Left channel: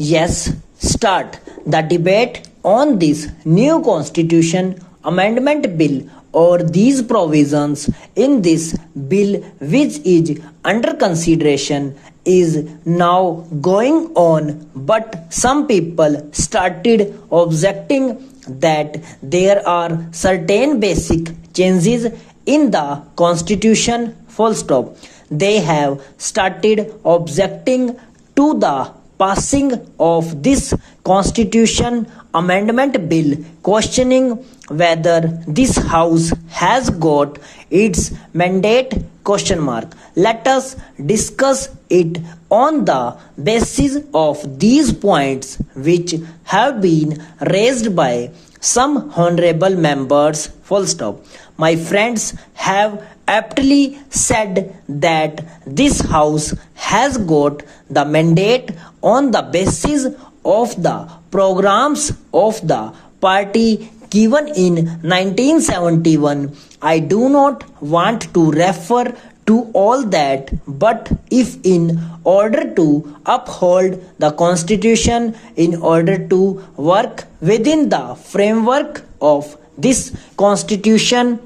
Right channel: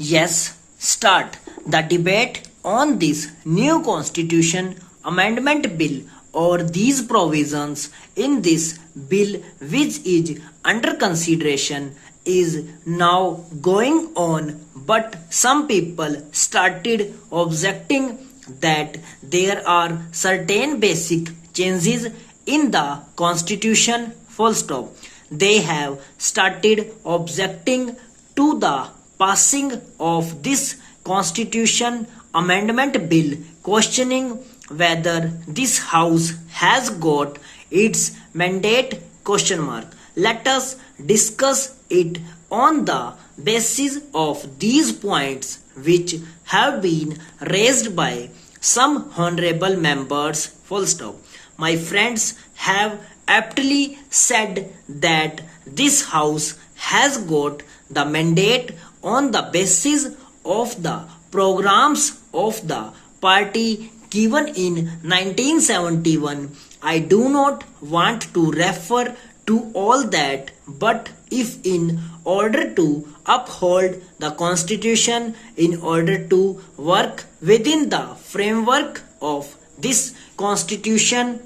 Yes, start the debate on this new constitution amendment bill or these provisions in this bill which is under consideration is now going on, but some people started objecting that there are certain basic changes in the constitution full stop. They have started objecting to the passing of this constitution amendment bill, questioning whether this house has got its mandate question mark. Let us discuss it on the basis of these points which have been raised by some honorable members full stop. My friends have aptly said that this house has got the mandate on the basis of the programs of the party given in 1971. I do not want to refer to all that, but if in order to uphold the constitution, in order to work within the framework of this constitution,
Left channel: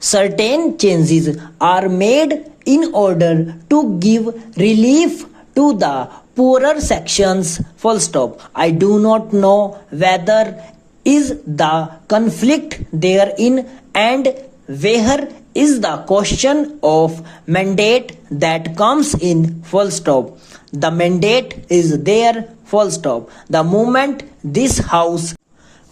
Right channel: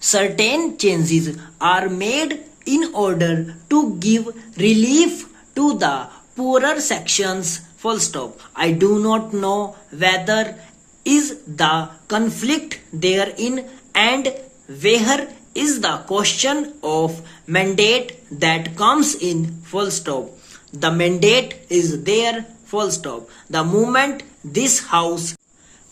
certain changes are made in order to give relief to the poorer sections full stop. I do not know whether is the conflict therein and where is the question of mandate that comes in full stop. The mandate is there full stop. The moment this house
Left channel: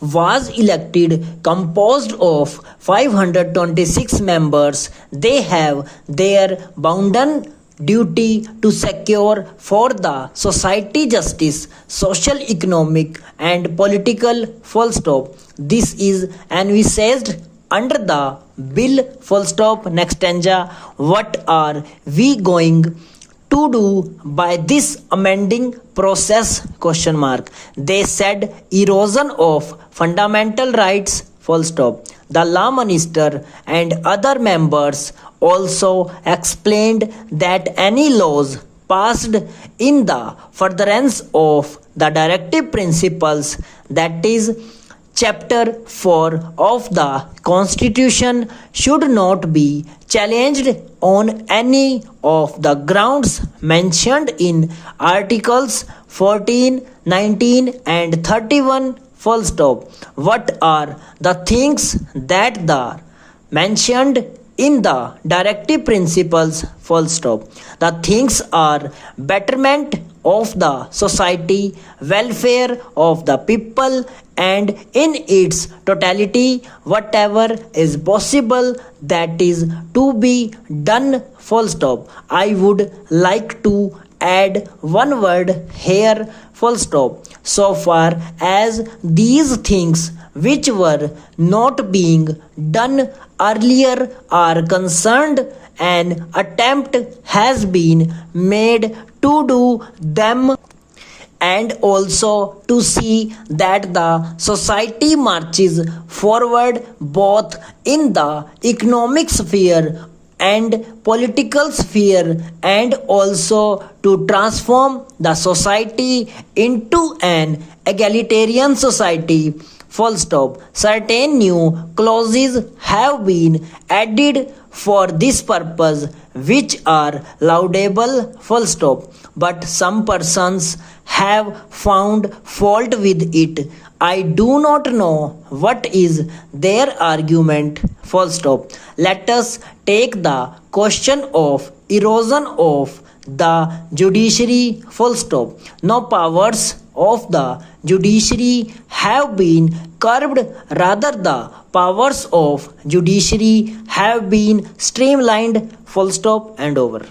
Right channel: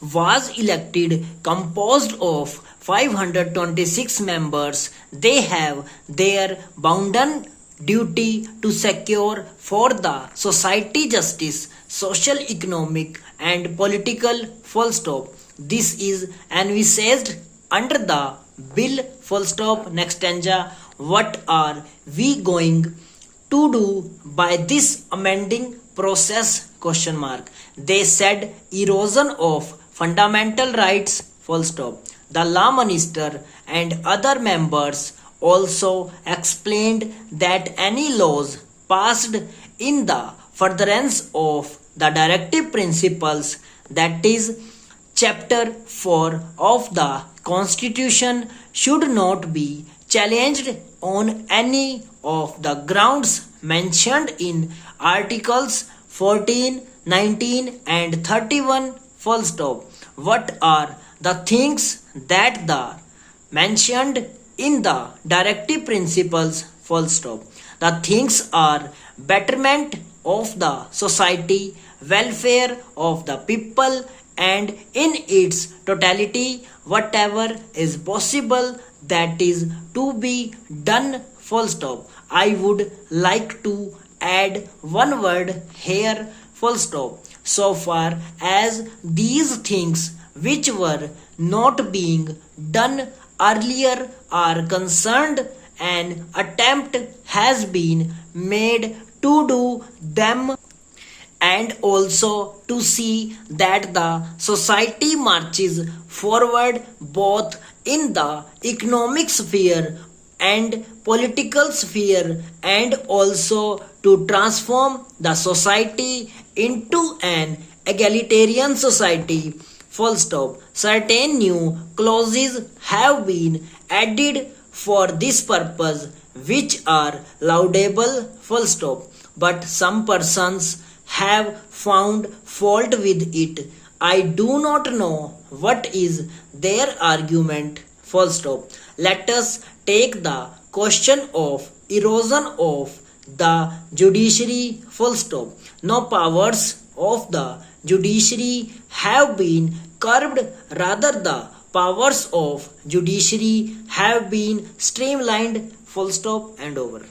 was elected composed of 526 members, they have their bounden duty to secure for the society justice, social, economic and political full stop. This is envisaged under the bill full stop. Next stanza, what are we going to do by this amending process question mark. They said erosion of fundamental rights full stop. The law minister and other members also explained that any laws passed in the furtherance of the directive principles, that is chapter 4 of the constitution, should not be challenged on any of the grounds mentioned in articles 14, 19 and 31 full stop. What are the things that are mentioned in the directive principles full stop? The things are betterment of the society, welfare of the people, and in its totality whatever is possible that is to be done full stop. I would like to add one word here full stop. So far as these things which were not being done earlier are concerned, an attempt has been made to do them and also to see that the society marches forward both in the economic sphere and political sphere, and also to transform the society into an egalitarian society full stop. Certain new clauses have been added for this purpose which are laudable full stop, but some persons have found fault with it. I do not know what is their argument full stop. Let us take the question of erosion of the judiciary full stop. No powers of the judiciary have been curbed, rather the powers of judiciary have been streamlined full stop and over.